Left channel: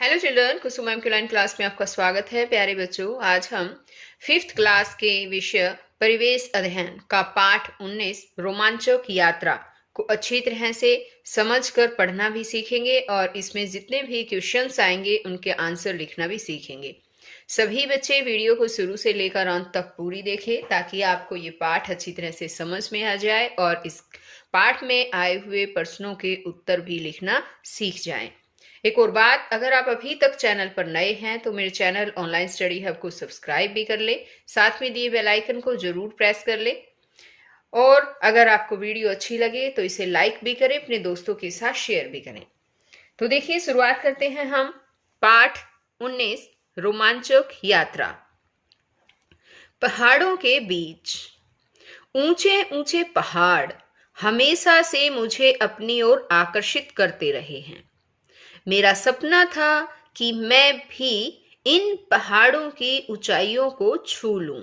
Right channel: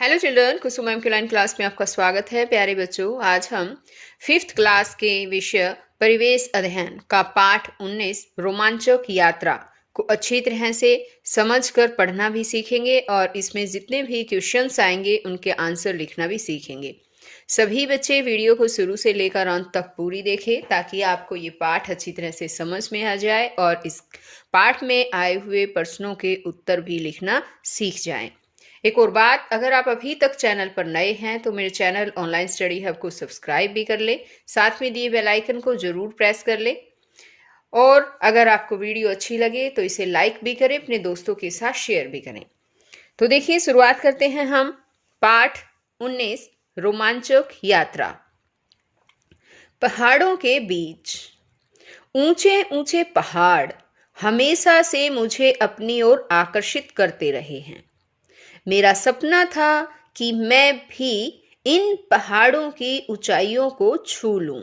Hello children, कुसुम ma'am के line class में आपका स्वागत है। प्यारे बच्चों, आज हम 5th क्लास के विषय परिवेश अध्ययन का पाठ 19 रोमांचक यात्रा को अच्छी तरह से समझकर पढ़ना भी सीखेंगे और इसमें जितने भी क्वेश्चंस आएंगे उनके आंसर लिखना भी सीखेंगे। सभी बच्चे वीडियो को शुरू से लेकर अंत तक पूरी देखें ताकि आपको ये पाठ अच्छी तरह से समझ में आ जाए और इस पाठ में आए हुए प्रश्नों के उत्तर भी लिखना सीख जाएं। एक और बात, अगर आप अभी तक चैनल पर नए हैं तो मेरे चैनल ऑनलाइन स्टडी हब को सब्सक्राइब भी कर ले, साथ में दिए बेल आइकन को जरूर प्रेस कर ले और अगर आपको वीडियो अच्छी लगे तो इसे लाइक भी करें, अपने दोस्तों के साथ शेयर भी करें। तो देखिए, शुरुआत करते हैं हम पाठ 19 रोमांचक यात्रा। पहाड़ों के बीच। ऊंचे ऊंचे पहाड़ हमेशा से मुझे अपनी ओर आकर्षित करते रहे हैं। मेरा सपना था कि मैं भी इन पहाड़ों की ऊंचाइयों को छू लूं।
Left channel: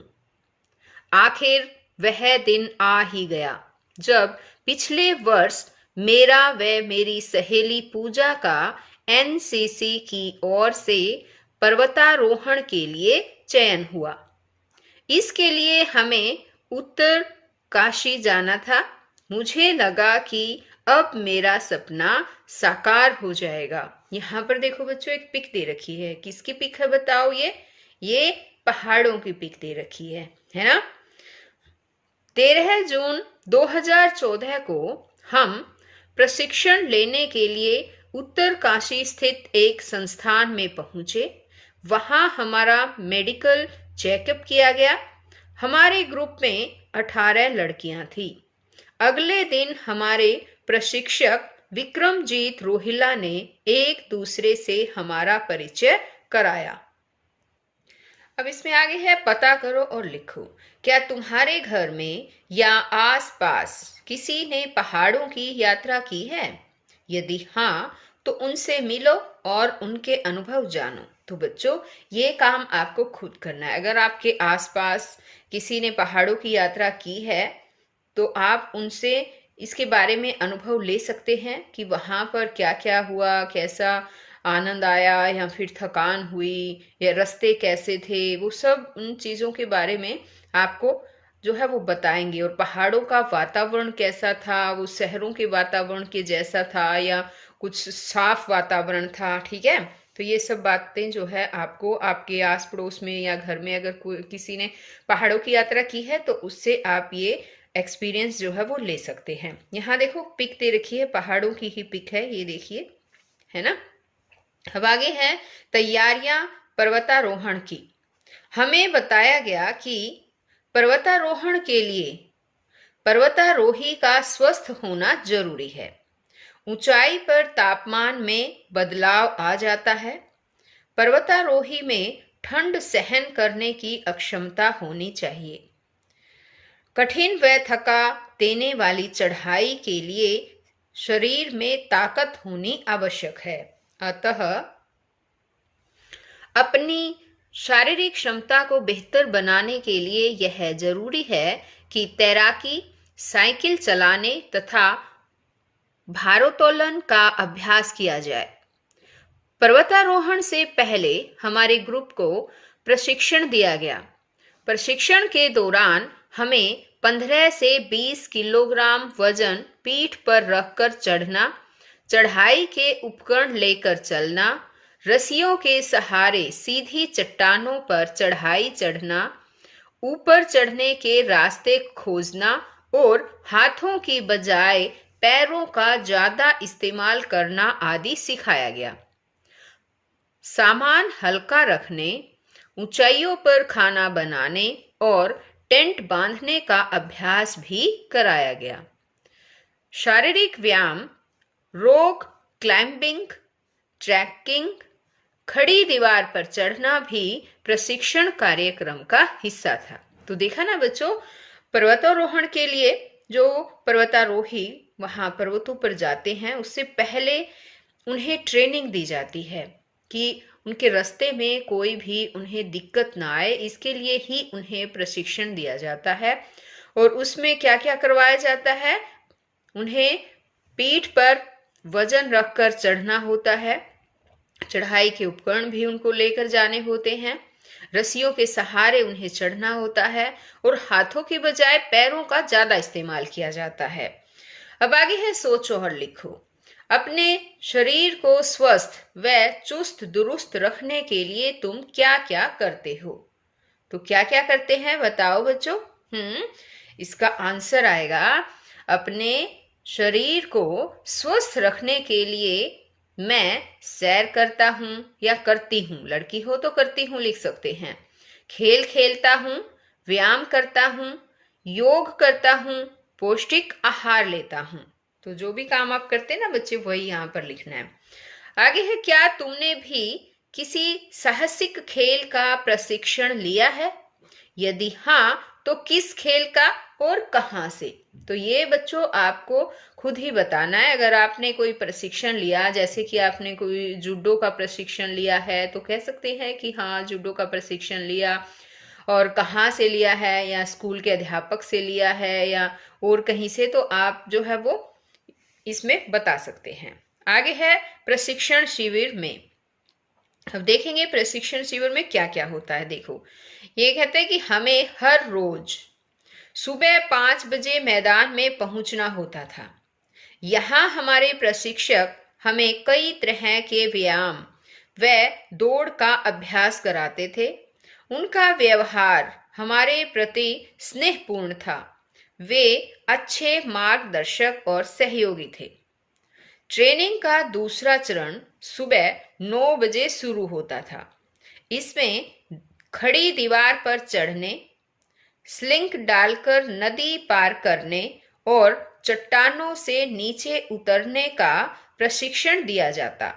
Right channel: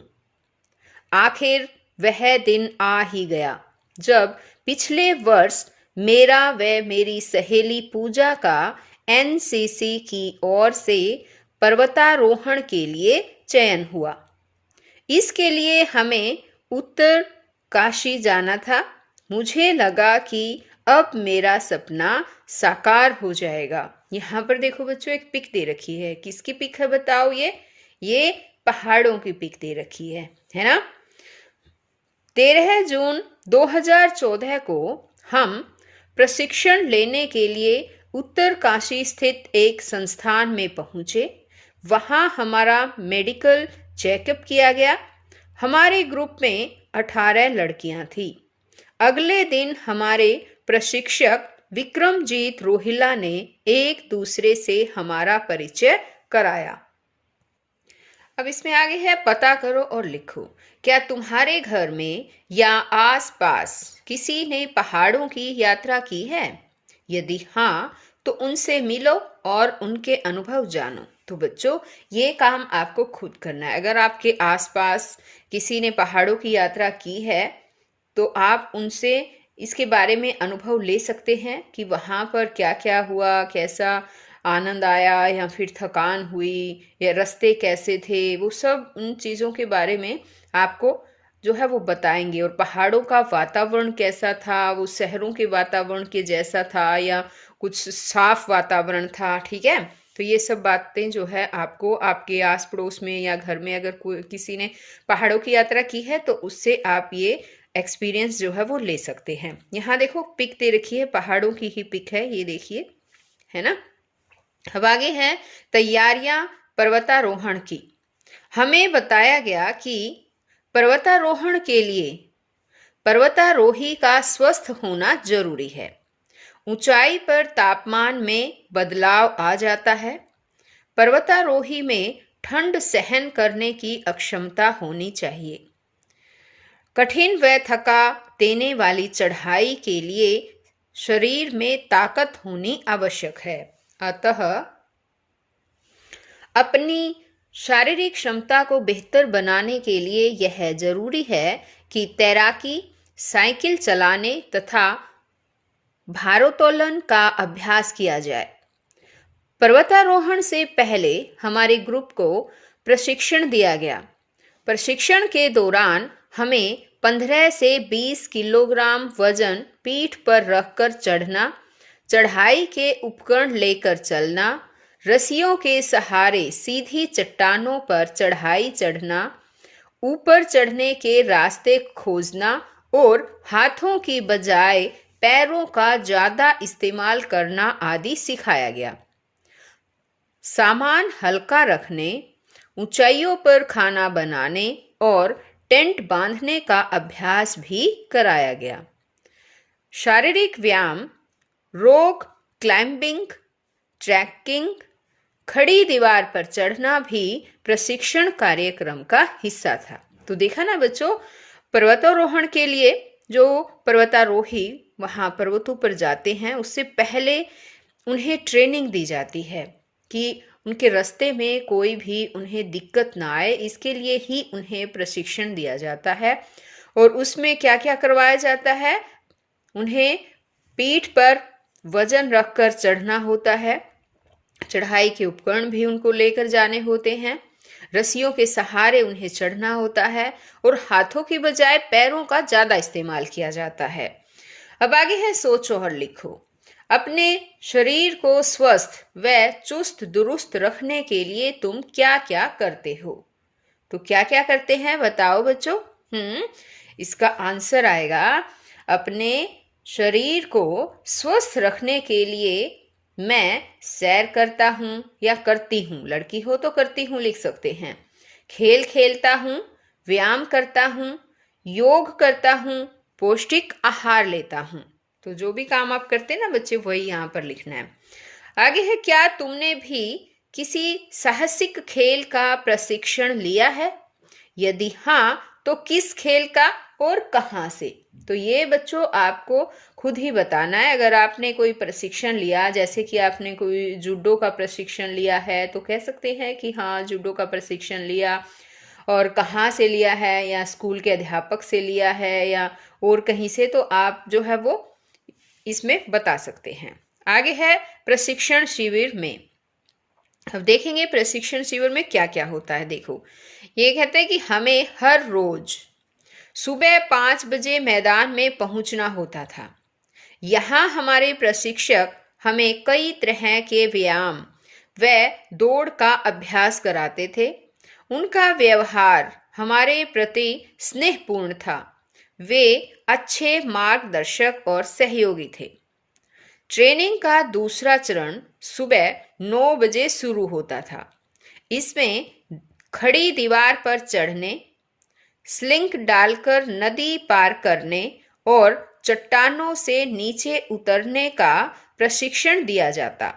आखिर वह दिन आ ही गया जब पिछले वर्ष मेरा व मेरी सहेली पूजा का एनसीसी की ओर से पर्वतारोहण के लिए चयन हुआ। इसके लिए हमें उत्तर काशी जाना था। मुझे लगा कि अब मेरा सपना साकार हो जाएगा। यहाँ पर देखो बच्चों, एक पिक दे रखी है। किसकी पिक है बताओ? ये पहाड़ों की पिक दे रखी है ना। 13 जून 2014 को हम प्रशिक्षण लेने के लिए उत्तरकाशी स्थित एक संस्थान में पहुंचे। वहां हमारा मेडिकल चेकअप किया गया। हमारे ग्रुप में 18 लड़कियां थी। अगले दिन हमारे प्रशिक्षक विक्रमजीत रोहिला ने एक दूसरे से हमारा परिचय कराया। अब इसमें आगे है, पता करो और लिखो। क्या तुम्हारे घर में या आसपास किसी ने पहाड़ों की यात्रा की है? यदि हाँ, तो उनसे मिलो और उनके अनुभव जानो। तो बच्चों, ये काम आपको खुद करना है। अगर आपके आसपास किसी ने पहाड़ों की यात्रा की है तो आप उनसे इसके बारे में अनुभव ले सकते हैं कि वहाँ पर क्या क्या हुआ, कैसा आनंद आया या फिर थकान हुई या रास्ते कैसे थे। वो सब उन चीज़ों के बारे में आपको जो है वो बताएंगे। और पहाड़ों का वातावरण कैसा था, वो शहरों के वातावरण के जैसा था या कुछ साफ वातावरण था। ठीक है, तो ये सब बातें जो है आपको आपके आस पड़ोस में या घर में अगर कोई किसी ने पहाड़ों की यात्रा की है तो उससे आप ये एक्सपीरियंस जो है वो ले सकते हैं। यहाँ देखो पिक दे रखी है, पहाड़ों की ही पिक है, ये देखिए, है ना। अब आगे है तैयारियां पर्वतारोहण की। हमें बताया गया कि पर्वतारोहण के लिए पर्वतारोही का स्वस्थ होना जरूरी है। ऊंचाई पर तापमान में बदलाव आ जाता है। पर्वतारोही में ठंड सहन करने की अक्षमता होनी चाहिए। कठिन व थका देने वाली चढ़ाई के लिए शरीर में ताकत होनी आवश्यक है। अतः अपनी शारीरिक क्षमता को बेहतर बनाने के लिए यह जरूरी है कि तैराकी, साइकिल चलाने तथा भारोत्तोलन का अभ्यास किया जाए। पर्वतारोहण से पहले हमारे ग्रुप को प्रशिक्षण दिया गया। प्रशिक्षण के दौरान हमें 15 से 20 किलोग्राम वजन पीठ पर रखकर चढ़ना, चढ़ाई के उपकरण लेकर चलना, रस्सियों के सहारे सीधी चट्टानों पर चढ़ाई चढ़ना, ऊपर चढ़ने के रास्ते खोजना और हाथों की बजाय पैरों का ज्यादा इस्तेमाल करना आदि सिखाया गया। सामान हल्का रखने, ऊंचाइयों पर खाना बनाने और टेंट बांधने का अभ्यास भी कराया गया। शारीरिक व्यायाम, रॉक क्लाइंबिंग, ट्रैकिंग, खड़ी दीवार पर चढ़ना भी प्रशिक्षण कार्यक्रम का हिस्सा था। तो देखा ना बच्चों, पर्वतारोहण के लिए जो पर्वतारोही वहां पर्वतों पर जाते हैं उससे पहले उन्हें ट्रेनिंग दी जाती है कि उनके रास्ते में कोई भी उन्हें दिक्कत ना आए। इसके लिए ही उन्हें प्रशिक्षण दिया जाता है। और उसमें क्या क्या करवाया जाता है? उन्हें पीठ पर वजन रखकर चढ़ना होता है, चढ़ाई के उपकरण भी उनको लेकर जाने होते हैं। रस्सियों के सहारे उन्हें चढ़ना होता है और हाथों की बजाय पैरों का ज्यादा इस्तेमाल किया जाता है। अब आगे है सोचो और लिखो। अपने शरीर को स्वस्थ व चुस्त दुरुस्त रखने के लिए तुम क्या क्या करते हो? तो क्या क्या करते हैं बताओ बच्चों। इसका आंसर आएगा, अपने शरीर को स्वस्थ रखने के लिए मैं सैर करता हूँ या करती हूँ, लड़की हो तो करती हूँ लिख सकते हैं। खेल खेलता हूँ, व्यायाम करता हूँ, योग करता हूँ, पौष्टिक आहार लेता हूँ। तो जो भी काम आप करते हैं ना बच्चे, वही यहाँ पर लिखना है। आगे है, क्या तुमने भी किसी साहसिक खेल का प्रशिक्षण लिया है? यदि हाँ तो किस खेल का और कहाँ से? तो ये बच्चों आपको खुद ही बताना है। अगर आपने कोई प्रशिक्षण लिया, जैसे कि आपने कोई जूडो का प्रशिक्षण लिया है, तो कह सकते हैं कि हाँ जूडो का प्रशिक्षण लिया, और कहाँ से लिया है, या स्कूल के अध्यापक से लिया है या और कहीं से, तो आप जो है वो इसमें बता सकते हैं। आगे है प्रशिक्षण शिविर में। अब देखेंगे प्रशिक्षण शिविर में क्या क्या होता है। देखो, ये कहते हैं कि हमें हर रोज सुबह 5 बजे मैदान में पहुंचना होता था। यहाँ हमारे प्रशिक्षक हमें कई तरह के व्यायाम व दौड़ का अभ्यास कराते थे। उनका व्यवहार हमारे प्रति स्नेहपूर्ण था। वे अच्छे मार्गदर्शक और सहयोगी थे। ट्रेनिंग का दूसरा चरण सुबह 9 बजे शुरू होता था। इसमें खड़ी दीवार पर चढ़ने, स्लिंग डालकर नदी पार करने और चट्टानों से नीचे उतरने का प्रशिक्षण दिया जाता।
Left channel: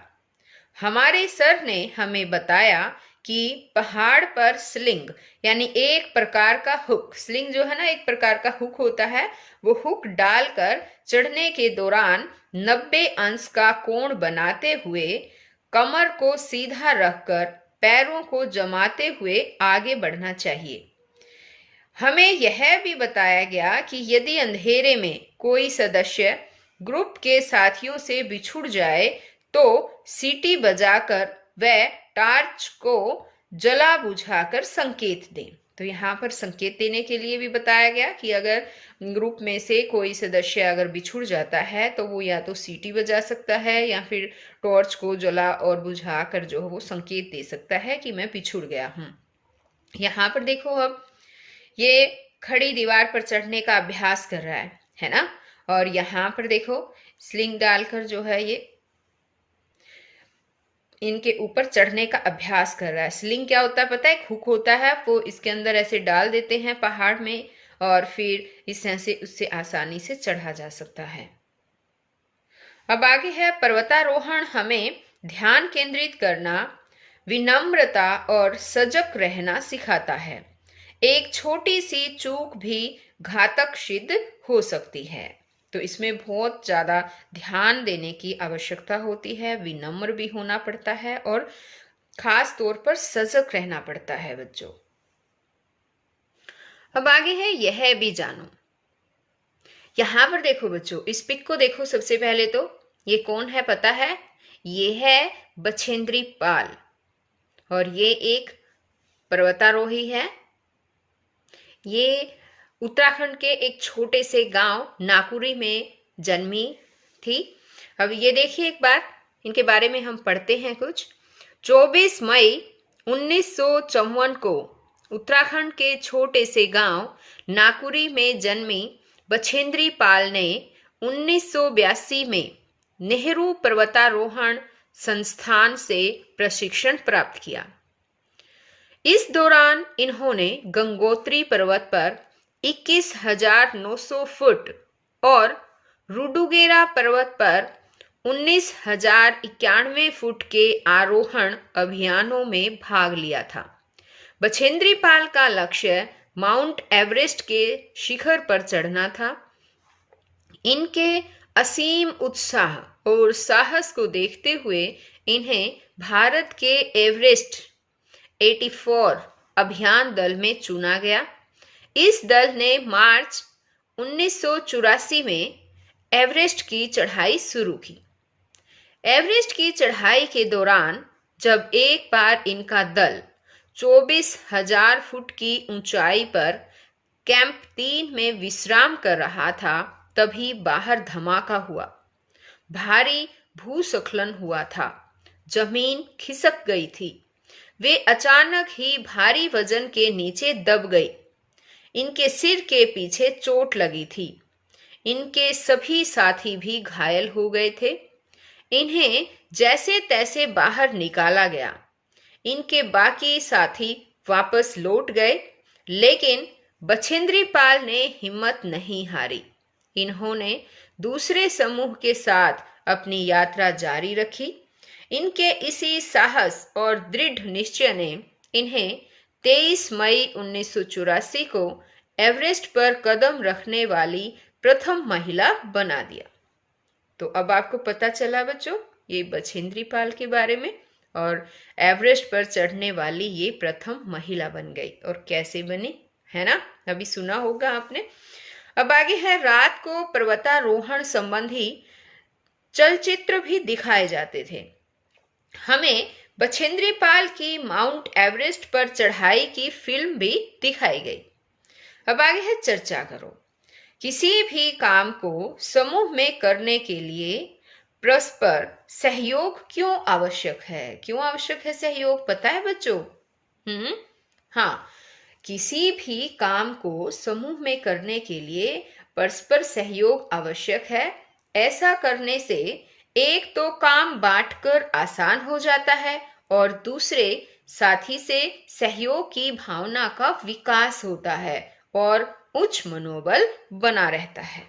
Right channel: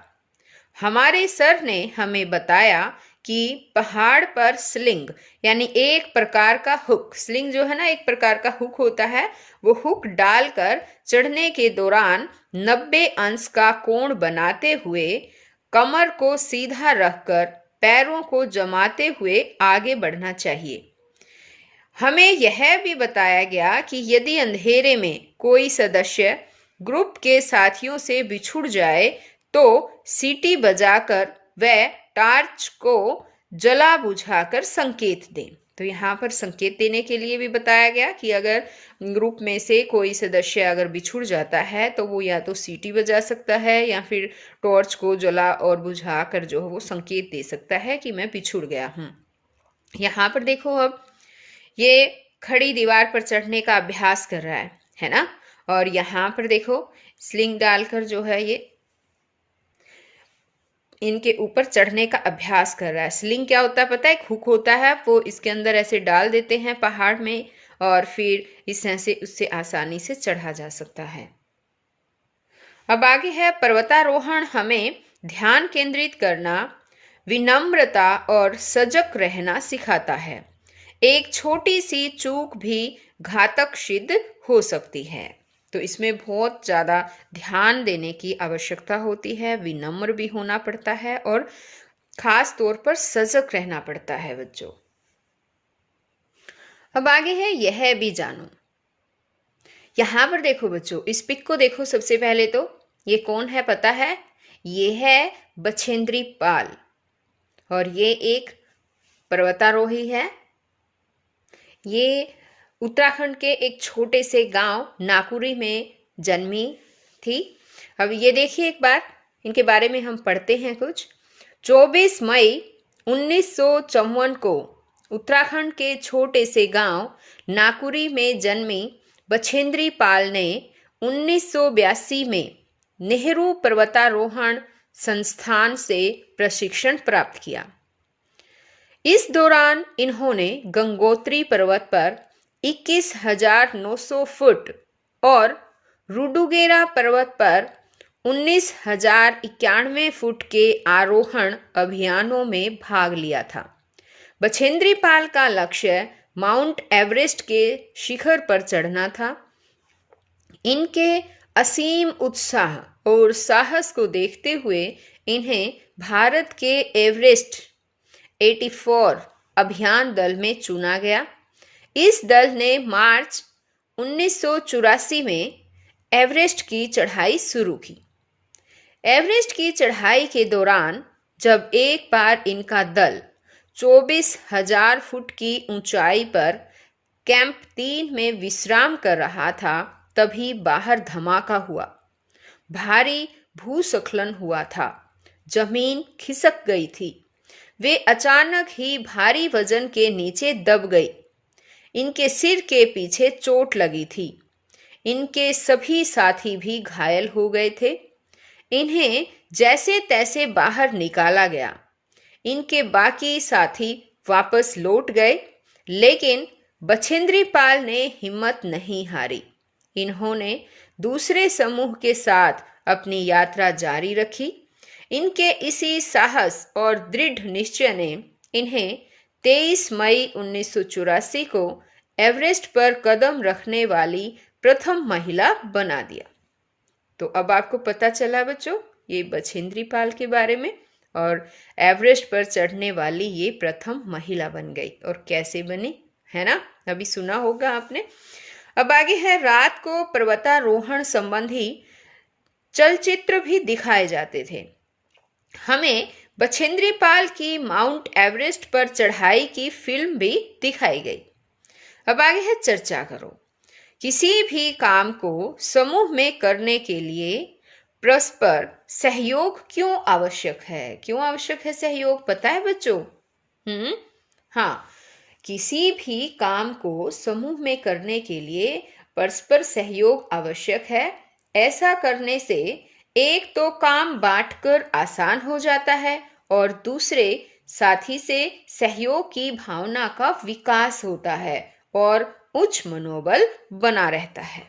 हमारे सर ने हमें बताया कि पहाड़ पर स्लिंग यानी एक प्रकार का हुक, स्लिंग जो है ना एक प्रकार का हुक होता है, वो हुक डालकर चढ़ने के दौरान 90 अंश का कोण बनाते हुए कमर को सीधा रखकर पैरों को जमाते हुए आगे बढ़ना चाहिए। हमें यह भी बताया गया कि यदि अंधेरे में कोई सदस्य ग्रुप के साथियों से बिछुड़ जाए तो सीटी बजाकर वह टार्च को जला बुझाकर संकेत दें। तो यहाँ पर संकेत देने के लिए भी बताया गया कि अगर ग्रुप में से कोई सदस्य अगर बिछुड़ जाता है तो वो या तो सीटी बजा सकता है या फिर टॉर्च को जला और बुझा कर जो है वो संकेत दे सकता है कि मैं बिछुड़ गया हूँ। यहाँ पर देखो, अब ये खड़ी दीवार पर चढ़ने का अभ्यास कर रहा है ना। और यहाँ पर देखो स्लिंग डालकर जो है ये इनके ऊपर चढ़ने का अभ्यास कर रहा है। स्लिंग क्या होता है पता है? एक हुक होता है, वो इसके अंदर ऐसे डाल देते हैं पहाड़ में और फिर इस तरह से उससे आसानी से चढ़ा जा सकता है। अब आगे है पर्वतारोहण हमें ध्यान केंद्रित करना, विनम्रता और सजग रहना सिखाता है। एक छोटी सी चूक भी घातक सिद्ध हो सकती है। तो इसमें बहुत ज्यादा ध्यान देने की आवश्यकता होती है, विनम्र भी होना पड़ता है और खास तौर पर सजग रहना पड़ता है बच्चों। अब आगे है यह भी जानो। यहां पर देखो बच्चों, इस पिक को देखो। सबसे पहले तो ये कौन है पता है? ये है बछेंद्री पाल और ये एक पर्वतारोही है। ये उत्तराखंड के एक छोटे से गांव नाकुरी में जन्मी थी। अब ये देखिए एक बार इनके बारे में हम पढ़ते हैं कुछ। 24 मई 1954 को उत्तराखंड के छोटे से गांव नाकुरी में जन्मी बछेंद्री पाल ने 1982 में नेहरू पर्वतारोहण संस्थान से प्रशिक्षण प्राप्त किया। इस दौरान इन्होंने गंगोत्री पर्वत पर 21,900 फुट और रुडुगेरा पर्वत पर 19,091 फुट के आरोहण अभियानों में भाग लिया था। बछेंद्री पाल का लक्ष्य माउंट एवरेस्ट के शिखर पर चढ़ना था। इनके असीम उत्साह और साहस को देखते हुए इन्हें भारत के एवरेस्ट 84 अभियान दल में चुना गया। इस दल ने मार्च 1984 में एवरेस्ट की चढ़ाई शुरू की। एवरेस्ट की चढ़ाई के दौरान जब एक बार इनका दल 24,000 फुट की ऊंचाई पर कैंप 3 में विश्राम कर रहा था, तभी बाहर धमाका हुआ। भारी भूस्खलन हुआ था। जमीन खिसक गई थी। वे अचानक ही भारी वजन के नीचे दब गई। इनके सिर के पीछे चोट लगी थी। इनके सभी साथी भी घायल हो गए थे। इन्हें जैसे तैसे बाहर निकाला गया। इनके बाकी साथी वापस लौट गए, लेकिन बछेंद्री पाल ने हिम्मत नहीं हारी। इन्होंने दूसरे समूह के साथ अपनी यात्रा जारी रखी। इनके इसी साहस और दृढ़ निश्चय ने इन्हें 23 मई 1984 को एवरेस्ट पर कदम रखने वाली प्रथम महिला बना दिया। तो अब आपको पता चला बच्चों, ये बछेंद्री पाल के बारे में, और एवरेस्ट पर चढ़ने वाली ये प्रथम महिला बन गई। और कैसे बनी, है ना, अभी सुना होगा आपने। अब आगे है, रात को पर्वतारोहण संबंधी चलचित्र भी दिखाए जाते थे। हमें बछेंद्री पाल की माउंट एवरेस्ट पर चढ़ाई की फिल्म भी दिखाई गई। अब आगे है, चर्चा करो। किसी भी काम को समूह में करने के लिए परस्पर सहयोग क्यों आवश्यक है? क्यों आवश्यक है सहयोग, पता है बच्चों? हाँ, किसी भी काम को समूह में करने के लिए परस्पर सहयोग आवश्यक है। ऐसा करने से एक तो काम बांटकर आसान हो जाता है और दूसरे साथी से सहयोग की भावना का विकास होता है और उच्च मनोबल बना रहता है।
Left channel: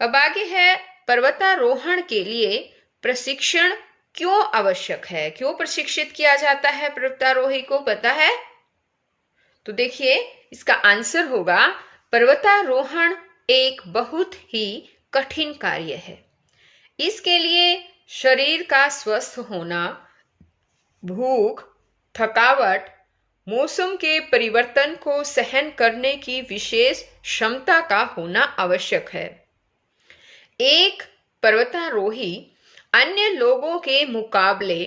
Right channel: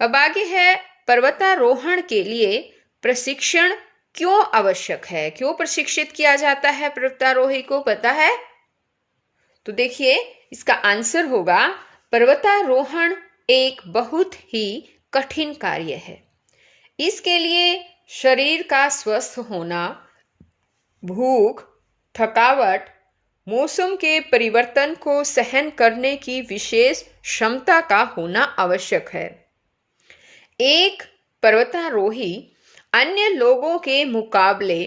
अब आगे है, पर्वतारोहण के लिए प्रशिक्षण क्यों आवश्यक है? क्यों प्रशिक्षित किया जाता है पर्वतारोही को, पता है? तो देखिए, इसका आंसर होगा, पर्वतारोहण एक बहुत ही कठिन कार्य है। इसके लिए शरीर का स्वस्थ होना, भूख, थकावट, मौसम के परिवर्तन को सहन करने की विशेष क्षमता का होना आवश्यक है। एक पर्वतारोही अन्य लोगों के मुकाबले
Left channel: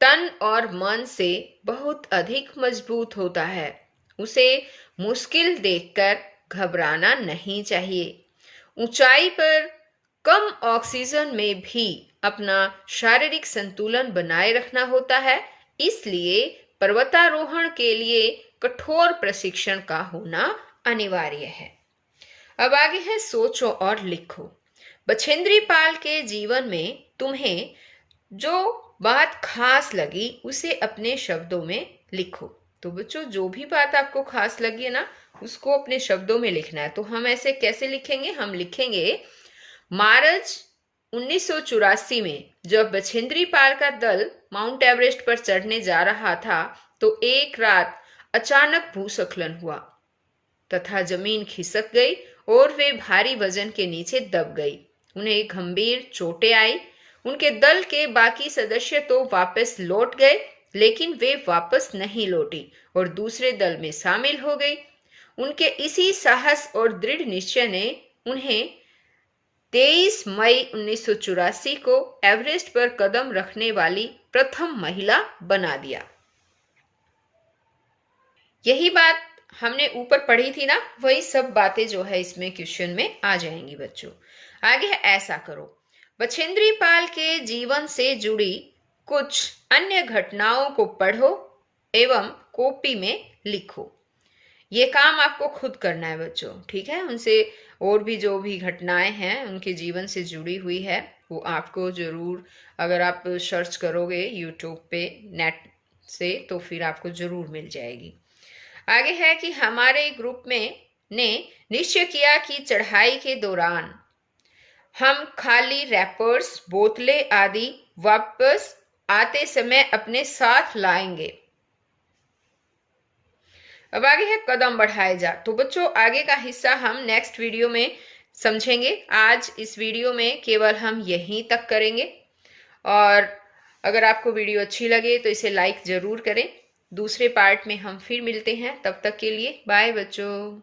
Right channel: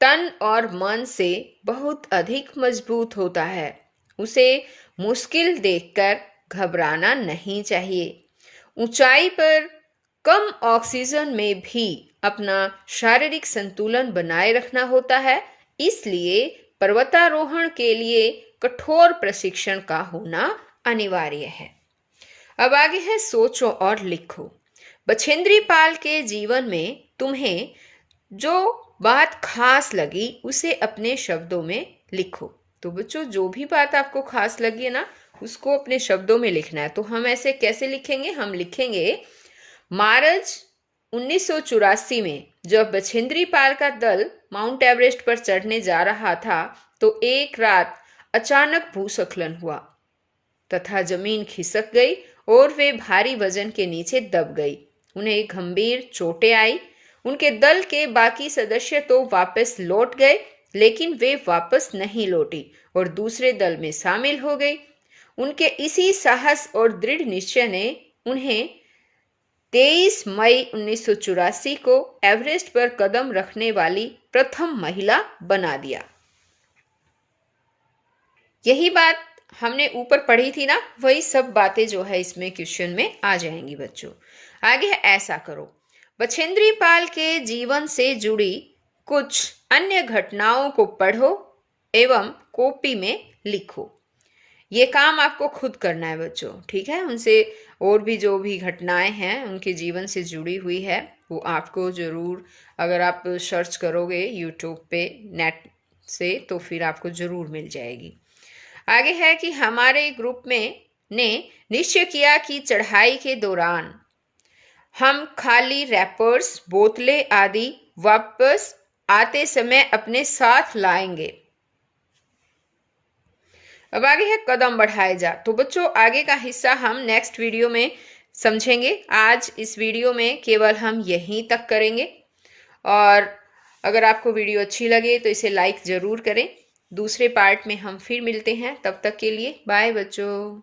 तन और मन से बहुत अधिक मजबूत होता है। उसे मुश्किल देखकर घबराना नहीं चाहिए। ऊंचाई पर कम ऑक्सीजन में भी अपना शारीरिक संतुलन बनाए रखना होता है। इसलिए पर्वतारोहण के लिए कठोर प्रशिक्षण का होना अनिवार्य है। अब आगे है, सोचो और लिखो। बछेंद्री पाल के जीवन में तुम्हें जो बात खास लगी उसे अपने शब्दों में लिखो। तो बच्चों, जो भी बात आपको खास लगी है ना, उसको अपने शब्दों में लिखना है। तो हम ऐसे कैसे लिखेंगे? हम लिखेंगे, मार्च 1984 में जब बछेंद्री पाल का दल माउंट एवरेस्ट पर चढ़ने जा रहा था, तो एक रात अचानक भूस्खलन हुआ तथा जमीन खिसक गई और वे भारी वजन के नीचे दब गई। उन्हें गंभीर चोटें आई। उनके दल के बाकी सदस्य तो वापस लौट गए, लेकिन वे वापस नहीं लौटी और दूसरे दल में शामिल हो गई। उनके इसी साहस और दृढ़ निश्चय ने उन्हें 23 मई 1984 को एवरेस्ट पर कदम रखने वाली प्रथम महिला बना दिया। यही बात हमने ऊपर पढ़ी थी ना, वही सब बातें जो है इसमें क्वेश्चन में आ जाएंगी बच्चों। आगे है, ऐसा करो। बछेंद्री पाल के जीवन से जुड़ी कुछ अन्य घटनाओं को पढ़ो एवं कॉपी में लिखो। ये काम आपको खुद करना है बच्चों, ठीक है? उनसे और भी जो भी घटनाएं हैं उनके जीवन से जुड़ी हुई है, वो आपको जरूर, अगर आप सर्च करोगे यूट्यूब पे नेट से, तो फिर आपको जरूर मिल जाएगी। आगे है कि हमारे ग्रुप में ने निश्चय किया कि चढ़ाई के दौरान हम खाली रैपर्स, बोतलें आदि वापस आते समय अपने साथ लाएंगे। अब आगे है, कदम बढ़ाए जा। तो बच्चों, आगे का हिस्सा हम नेक्स्ट वीडियो में समझेंगे। आज इस वीडियो में केवल हम यहीं तक करेंगे। और अगर आपको वीडियो अच्छी लगे तो इसे लाइक जरूर करें। दूसरे पार्ट में हम फिर मिलते हैं। तब तक के लिए बाय बच्चों।